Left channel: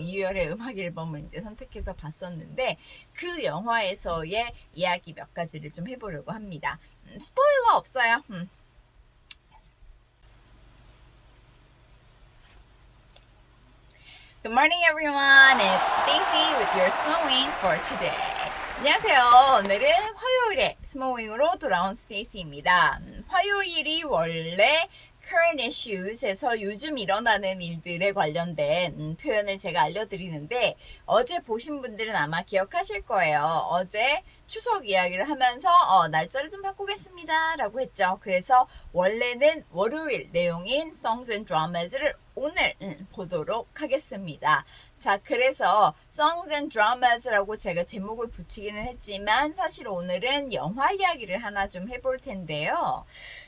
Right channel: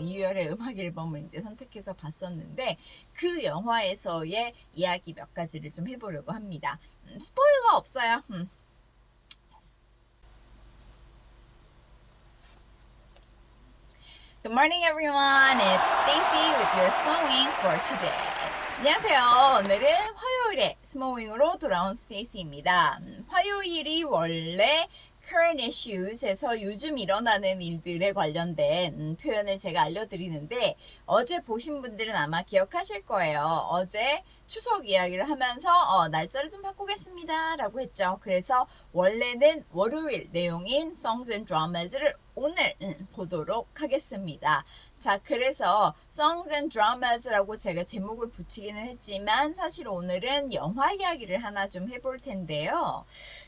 유열의 음악 앨범을 이제 선택해서 봤었는데 그 영화에서의 이야기 몇 가지를 좀 해보려고 합니다. 스포일러 없어요. Good morning, everyone. It's Stacy with your Smallwing for today. 안녕하세요. 오늘은 화요일에 스몰윙으로 돌아온 스테이시입니다. 화요일이 원래 current issues에서 요즘 일어나는 일들에 관련된 표현을 제가 알려드리는데 어제 보신 분들은 아마 기억하실 거예요. 어제 추석 이야기를 하면서 날짜를 좀 바꾸겠습니다 라고 했죠. 그래서 원래는 월요일 내용인 Songs and Dramas를 오늘 보도록 하겠습니다. 자, 그래서 Songs and Dramas라고 제가 제목을 붙이기는 했지만 사실 오늘은 영화 이야기를 하나 좀 해볼 텐데요.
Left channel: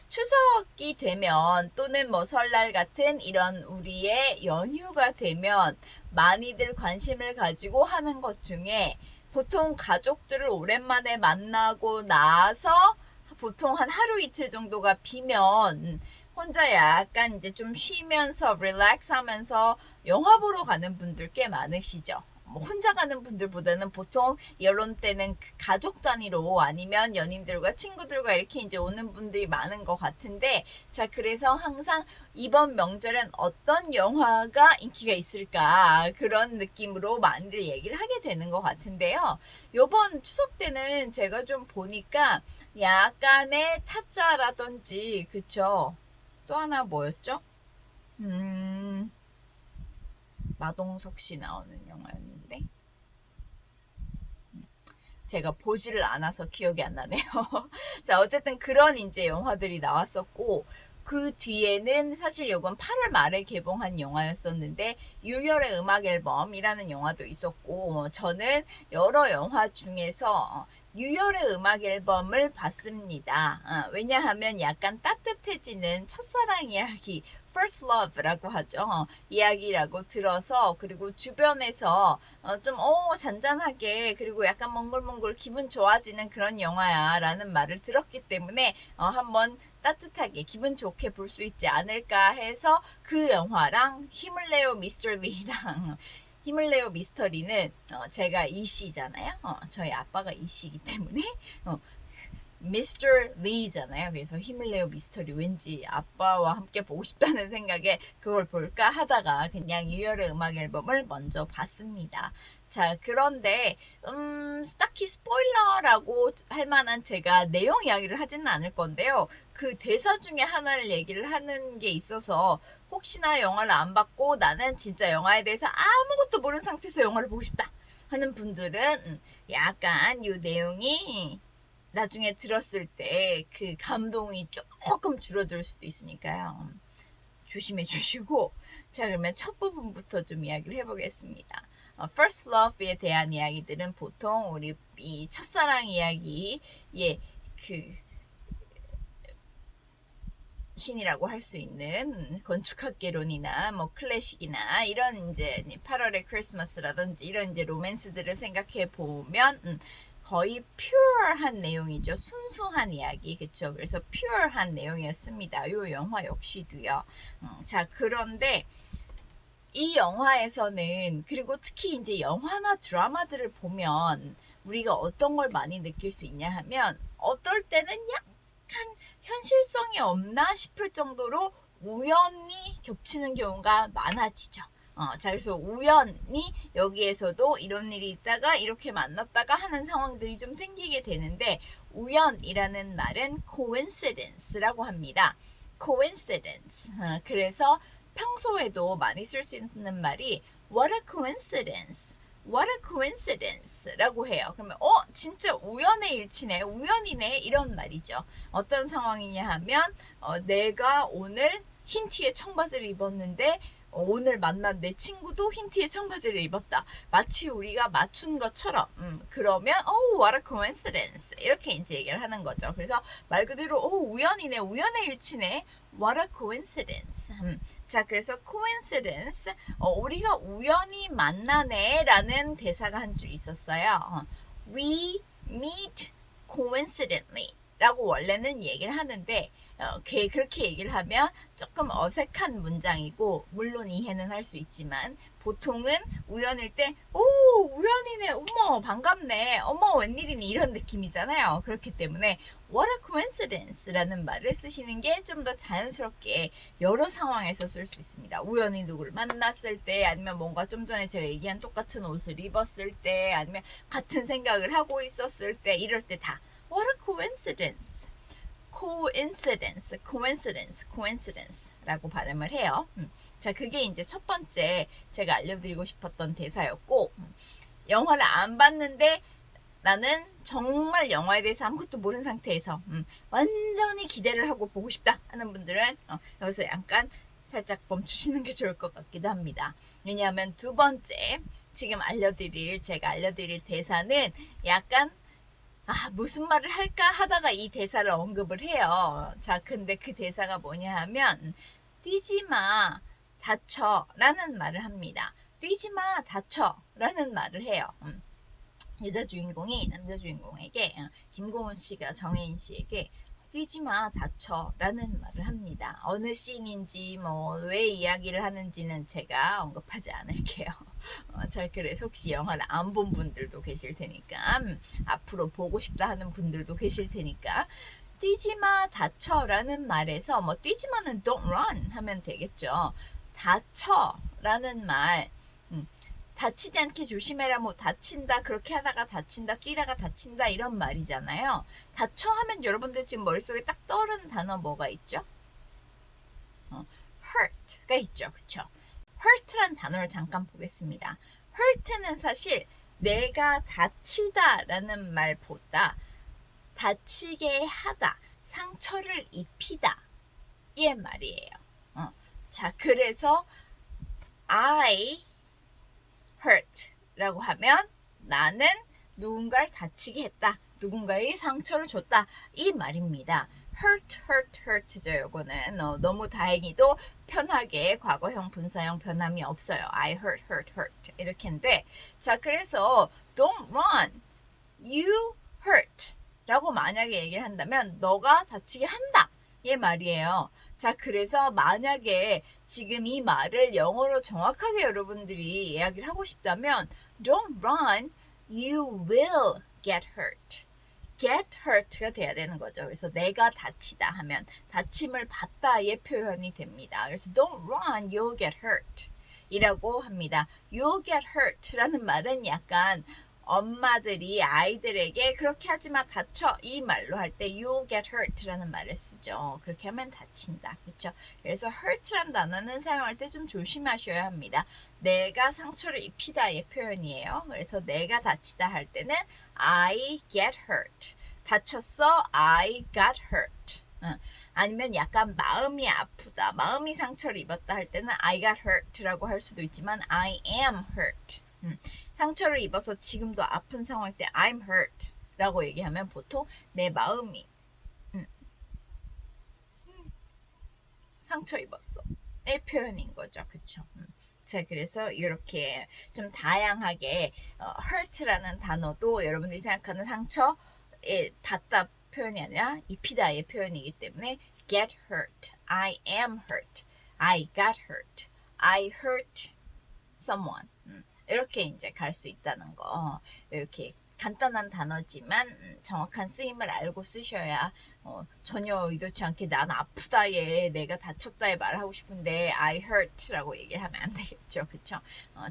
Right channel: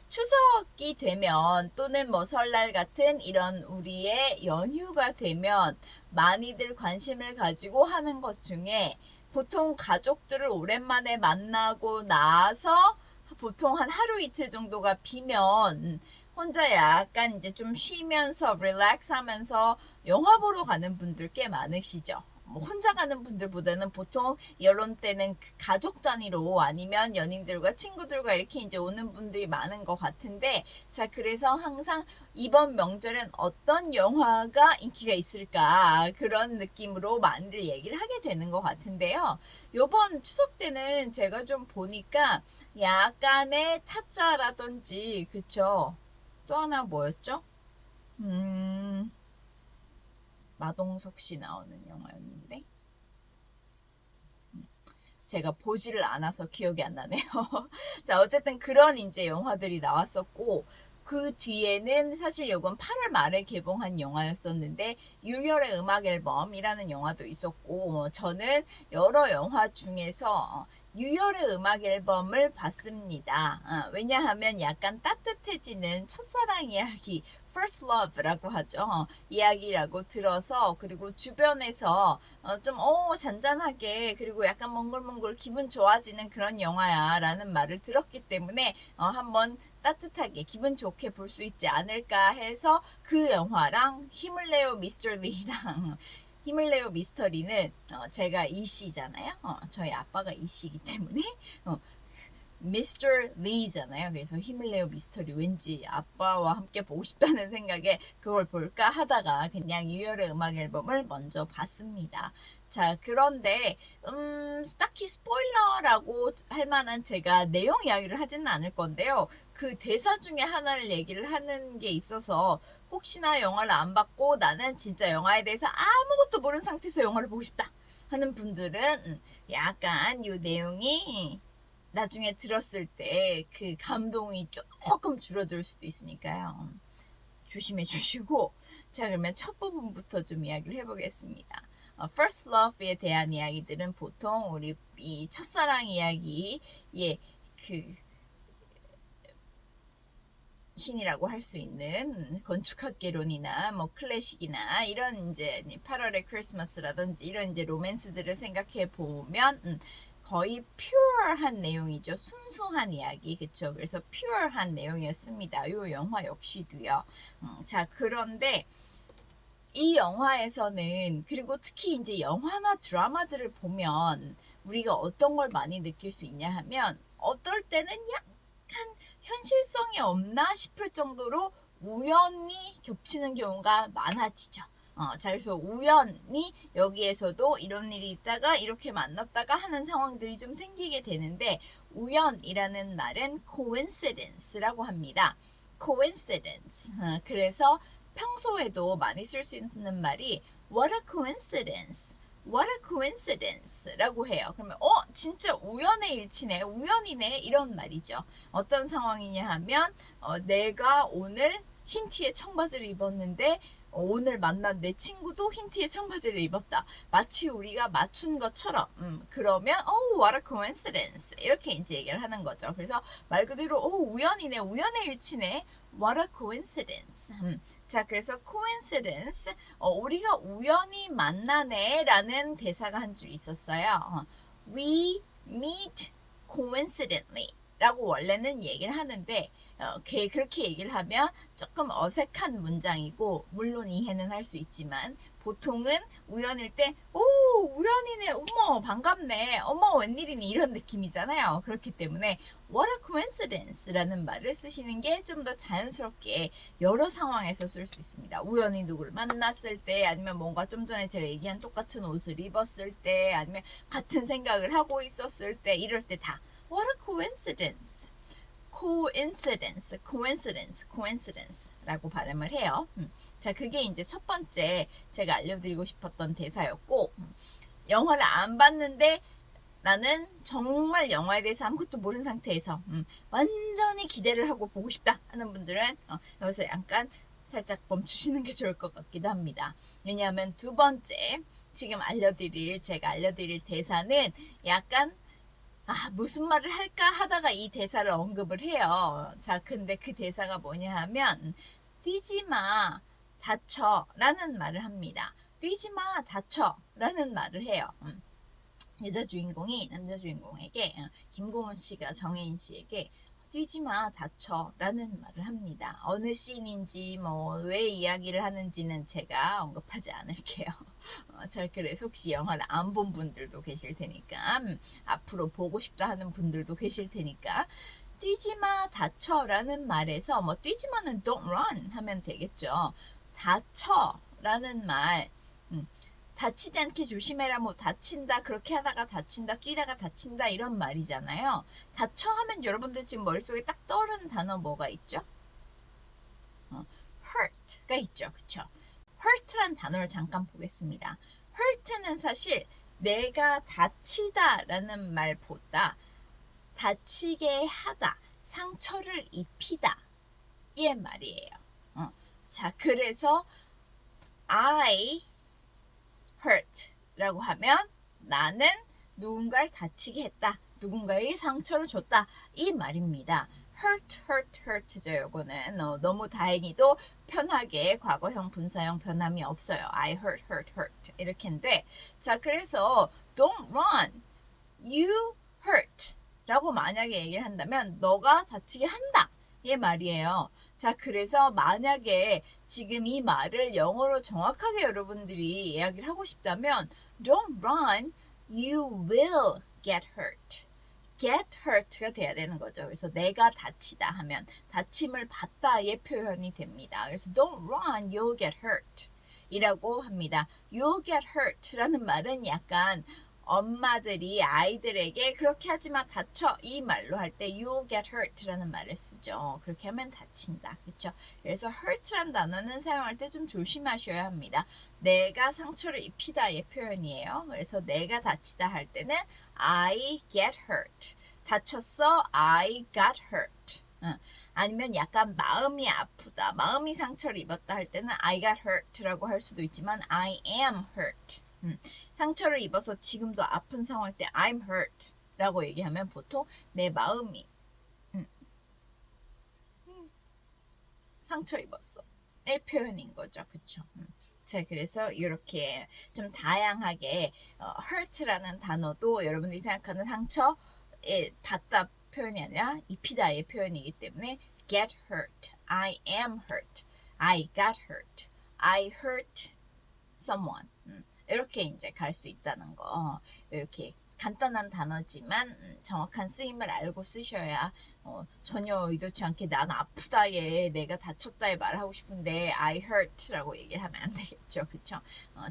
추석이 되면 또는 뭐 설날 같은 이런 우리의 연휴가 되면 많이들 관심을 가지고 하는 것 중에 보통 가족들을 오랜만에 만나고 나서 보통 한 하루 이틀 정도가 비면 혼자 약간 이제 좀 쉬면서 릴렉스 하면서 영화 보러 가는 분들 꽤 많으시죠. 뭐 혼자 가는 분들보다는 보통 이런 때는 가족 단위로 아니면 연인들과 친구들과 이렇게 이제 오는 분들이 많은 것 같은데, 자, 그래서 항상 이번 명절엔 어떤 영화가 인기가 있을까 그런 느낌으로 많이들 얘기를 하게 되는 것 같은데요. 요번 추석 때는 제가 좀 보니까 약간의 타짜라든지, 그쵸? 또 하나 뭐였죠? 마동석 씨 나오는 영화였는데 제가 보지를 않아서 기억이 안 나네요. 자, 어쨌든 그런 이제 영화들이 나왔었고 그 뒤에는 사실 이건 8월 말에 개봉한 영화였었는데 유열의 음악 앨범이라는 영화도 있었고 저는 여러 영화 중에서 유열의 음악 앨범을 봤습니다. 왜냐하면 약간 따뜻해지는 첫사랑 이야기 First Love라고 하죠. 이야기라고 들어서 그리고 주변에서 좀 잔잔하게 그리고 약간 몽글몽글 기분 좋아지는 그런 영화야 라는 말을 들었기 때문에 한번 따뜻하게 기분 좋게 볼 수 있지 않을까 해서 그 영화랑 힘을 내요 미스터 리랑 힘을 내요 미스터리는 제가 이씨잖아요. 저희 아빠가 이씨이기 때문에 미스터 리잖아요. 그래서 힘을 내요 미스터리 왠지 아빠와 함께 보고 싶다는 생각에 그걸 볼까 하다가 그냥 유열의 음악 앨범을 먼저 봤습니다. 자, 그런데 딱히 스포일러라고 할 만한 제가 내용 이야기를 하지는 않을 건데요. 그 대사 중에 하나를 얘기를 하는 게 있어서 혹시나 영화를 안 봤고 나는 진짜 영화에 대해서 아무것도 모르는 상태에서 영화를 보고 싶다 하는 분들은 약간 이 내용이 나중에 들었을 때 그 감동이 조금 줄어들 수도 있으니까요. 조심해 주시고 자, 그러면 첫 부분부터 좀 이야기를 해보겠습니다. First Love에 대한 이야기들은 보통 우리 이 첫사랑 이야기의 그 신이라고 할 수 있는 건축학개론이나 뭐 클래식이나 이런 이제 8월의 크리스마스라든지 이런 이제 로맨스들을 생각해 보면 거의 퓨어한 내용이죠. 순수한 이야기, 그쵸? 그래서 퓨어한 내용이었습니다. 이 영화 역시도요. 자, 그런데 이 영화에서는 그리고 특히 이제 영화나 드라마들을 보면 우리가 어떤 걸 많이 느낄 수 있냐 하면 어떨 때는 약간 현실성이 없나 싶을 정도로 우연히 겹치는 경우가 많아지죠. 자, 그래서 우연히 여기에서도 이런 일이 있다가 이렇게 만났다가 하는 상황들이 좀 생기게 되는데 우연이라는 말은 coincidence라고 합니다. coincidence. 그래서 평소에도 많이 쓸 수 있는 말이 what a coincidence. What a coincidence 라고 해요. 그러면 진짜 우연의 일치네, 우연이네 이런 말이죠. 어떤 상황이냐 하면 내가 오늘 흰 티에 청바지를 입었는데 오늘 만난 내 친구도 흰 티에 청바지를 입었다. 마치 우리가 맞춘 것처럼 그러면 what a coincidence 이렇게 이제 얘기를 하는 거죠. 그래서 말 그대로 우연이네, 우연의 일치네. What a coincidence. 자, 그래서 coincidence 우리가 우연히 만나네 라는 대사가 한 줄 있었어요. We meet coincidentally 라고 원래는 얘기를 하는데 그렇게 얘기를 하면 조금 어색한 문장이고 물론 이해는 할 수 있지만 보통은 우연일 때, 오, 우연이네, 어머, 반갑네, 어머, 웬일이니, 이런 느낌이잖아요. 그렇기 때문에 what a coincidence 라는 말을 쓰시는 게 좀 더 자연스럽게 여러 상황에서 쓸 수 있습니다. 우연히 누구를 만났을 때, 아니면 뭔가 좀 전에 제가 얘기한 똑같은 옷을 입었을 때, 아니면 같은 생각을 하고 있었을 때, 이럴 때 다 what a coincidence. coincidence라고 발음을 해요. 자, 그게 이제 첫 번째 제가 알려드리고 싶었던 대사였고, 영화를 안 봤는데 나는 정말 영화에 대해서 아무것도 모르는 상태에서 완전히 기대를 하고 보고 싶다 하는 분들은 여기서 약간 살짝 멈추시는 게 좋을 것 같기도 합니다. 왜냐하면 두 번째 지금 제가 알려드릴 대사는 약간 무슨 말을 할까 하다가 이 대사를 언급을 해요. 자, 근데 그 대사가 뭐냐 하면 뛰지 마, 다쳐 라는 말을 합니다. 뛰지 마, 다쳐 라는 말을 해요. 여자 주인공이 남자 주인공에게, 김고은 씨가 정혜인 씨에게 뛰지 마, 다쳐 라는 말을 합니다. 어느 씬인지 왜 이야기를 하는지는 제가 언급하지 않을게요. 자, 그래서 혹시 영화를 안 본 분들도 계실 테니까, 앞으로 보고 싶다 하는 분들도 계실 테니까, 뛰지마 다쳐 라는 말에서 뛰지마는 don't run 하면 되겠죠. 다쳐 라는 말, 다치지 않게 조심해라, 다친다, 그렇게 하다가 다친다, 뛰다가 다친다, 이런 말이잖아요. 다쳐 하면 여러분들 지금 머릿속에 딱 떠오르는 단어 뭐가 있죠? hurt가 있죠. 그쵸? hurt란 단어를 잠깐 보겠습니다. hurt는 사실 내가 다치다 라는 말보다 다치게 하다, 상처를 입히다 이 말이에요. 자, 그래서 I hurt 라고 하면 나는 누군가를 다치게 했다, 누군가에게 상처를 줬다, 이 말입니다. hurt죠. 요거는 너무 다행히도 편하게 과거형 분사형 변함이 없어요. I hurt 이렇게인데, 자, 그래서 don't run, you hurt 라고 만약에 얘기를 한다면 너가 다치게 한다 이 말이에요. 자, 그래서 만약에 지금 이 말을 영어로 정확하게 여러분들이 이야기를 하고 싶다면 don't run, you will get hurt. get hurt가 돼야 되는 거죠. 그래서 내가 다치다 하면 다침을 받다의 표현이 됩니다. 그래서 don't run, you'll get hurt 이라고 합니다. you'll get hurt 라는 말은 약간 엄마들이 아이들에게 그렇게 하지마, 다쳐 이 말로 할 때 you'll get hurt 라는 말을 쓰죠. 그렇게 하면 다친다. 그렇죠? 그래서 hurt란 단어는 사용할 때 좀 조심하셔야 합니다. 내가 상처를 입히다의 표현이에요. 그래서 내가 다치다 할 때는 I get hurt. 다쳤어, I got hurt. 아니면 약간 마음이 아프다, 마음이 상처를 입었다 할 때는 I got hurt라고 할 수도 있지만 I am hurt. 상처를 입어서 지금도 아픈 상황일 때 I'm hurt 라고 얘기하면 보통 내 마음이 상처 입었어 의 표현인 거죠. 그쵸? 자, 그래서 이렇게 좀 다양하게 hurt라는 단어도 여러분들이 생각하는 상처에 받다 표현이 아니라 입히다의 표현이기 때문에 get hurt, I am hurt, I got hurt, I hurt someone. 이렇게 이제 갈 수 있다는 거. 이렇게 간단한 단어지만 정확한 쓰임을 알고 쓰셔야 전혀 의도치 않게 난 아프다에 내가 다쳤다에 말하고 싶은데 I hurt라고 얘기를 하면 안 되겠죠. 그쵸?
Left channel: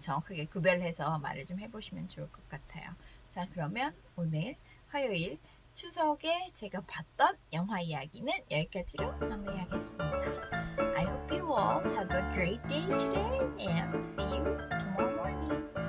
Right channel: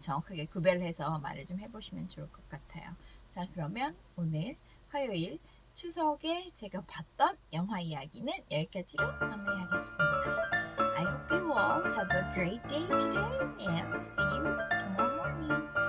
정확하게 구별해서 말을 좀 해보시면 좋을 것 같아요. 자, 그러면 오늘 화요일 추석에 제가 봤던 영화 이야기는 여기까지로 마무리하겠습니다. I hope you all have a great day today and see you tomorrow morning.